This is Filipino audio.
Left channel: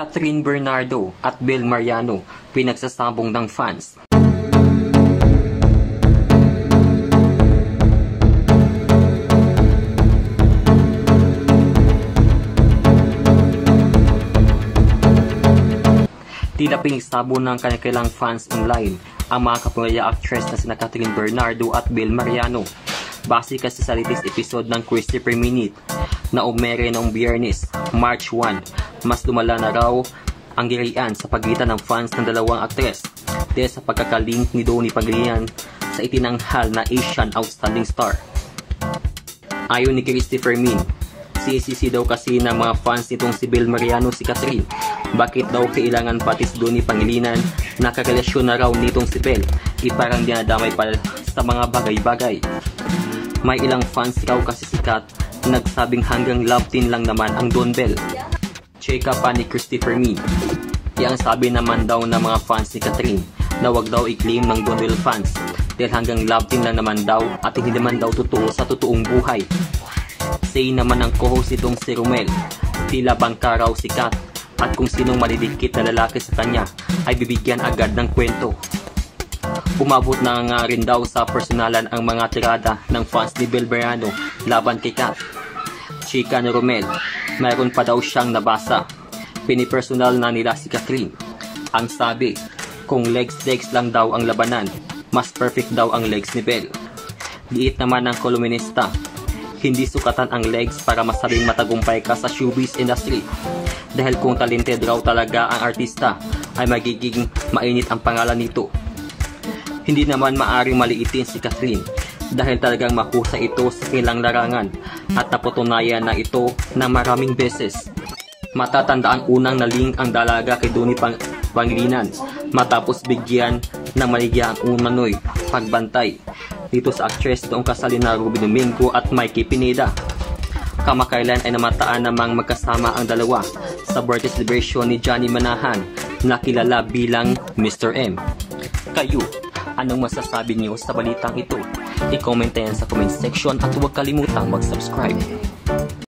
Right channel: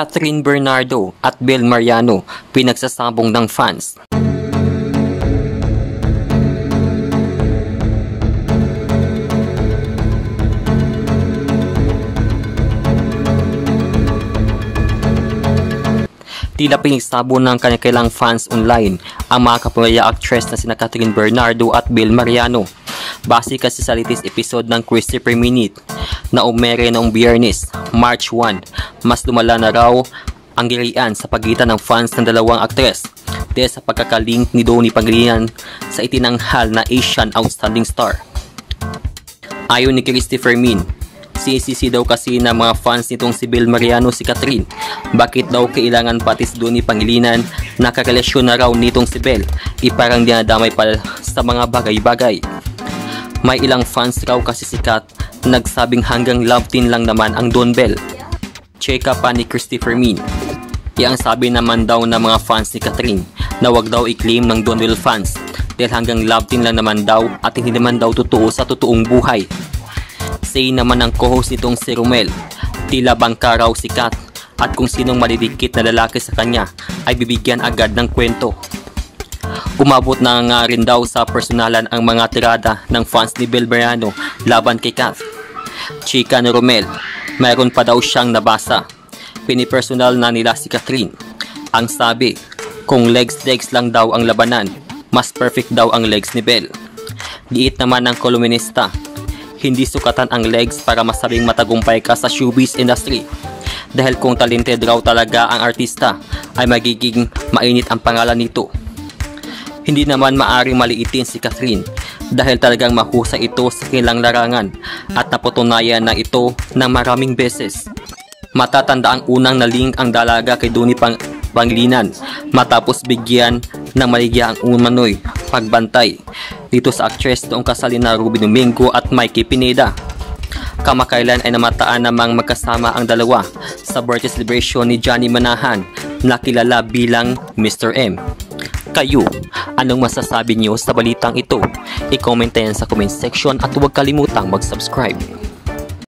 Catherine Bernardo at Bel Mariano pinagsasabong ng fans. Tila pinagsabong ng kanilang fans online ang mga kapamilya actress na sina Catherine Bernardo at Bel Mariano. Base kasi sa latest episode ng Christopher Minute na umere noong Biyernes, March 1, mas lumala na raw ang gilian sa pagitan ng fans ng dalawang aktres dahil sa pagkakalink ni Donnie Pangilinan sa itinanghal na Asian Outstanding Star. Ayon ni Christopher Min, sinisisi daw kasi ng mga fans nitong si Bel Mariano si Catherine. Bakit daw kailangan pati si Donnie Pangilinan na karelasyon na raw nitong si Bel? Iparang dinadamay pa sa mga bagay-bagay. May ilang fans raw kasi si Kat nagsabing hanggang love team lang naman ang Don Bel. Cheka pa ni Christopher Min. Ang sabi naman daw ng mga fans ni Catherine na wag daw i-claim ng Don Bel fans dahil hanggang love team lang naman daw at hindi naman daw totoo sa totoong buhay. Say naman ng co-host nitong si Romel, tila bangka raw si Kat at kung sinong malidikit na lalaki sa kanya ay bibigyan agad ng kwento. Umabot na nga rin daw sa personalan ang mga tirada ng fans ni Bel Mariano laban kay Kat. Chika ni Romel, mayroon pa daw siyang nabasa. Pinipersonal na nila si Catherine. Ang sabi, kung legs lang daw ang labanan, mas perfect daw ang legs ni Bel. Giit naman ng kolumnista, hindi sukatan ang legs para masabing matagumpay ka sa showbiz industry. Dahil kung talented raw talaga ang artista, ay magiging mainit ang pangalan nito. Hindi naman maaring maliitin si Catherine dahil talagang mahusay ito sa kanilang larangan at napatunayan na ito ng maraming beses. Matatanda ang unang nalink ang dalaga kay Donnie Pangilinan matapos bigyan ng maligya ang umano'y pagbantay dito sa actress noong kasal na Ruby Domingo at Mikey Pineda. Kamakailan ay namataan namang magkasama ang dalawa sa birthday celebration ni Johnny Manahan na kilala bilang Mr. M. Kayo, anong masasabi niyo sa balitang ito? I-comment yan sa comment section at huwag kalimutang mag-subscribe.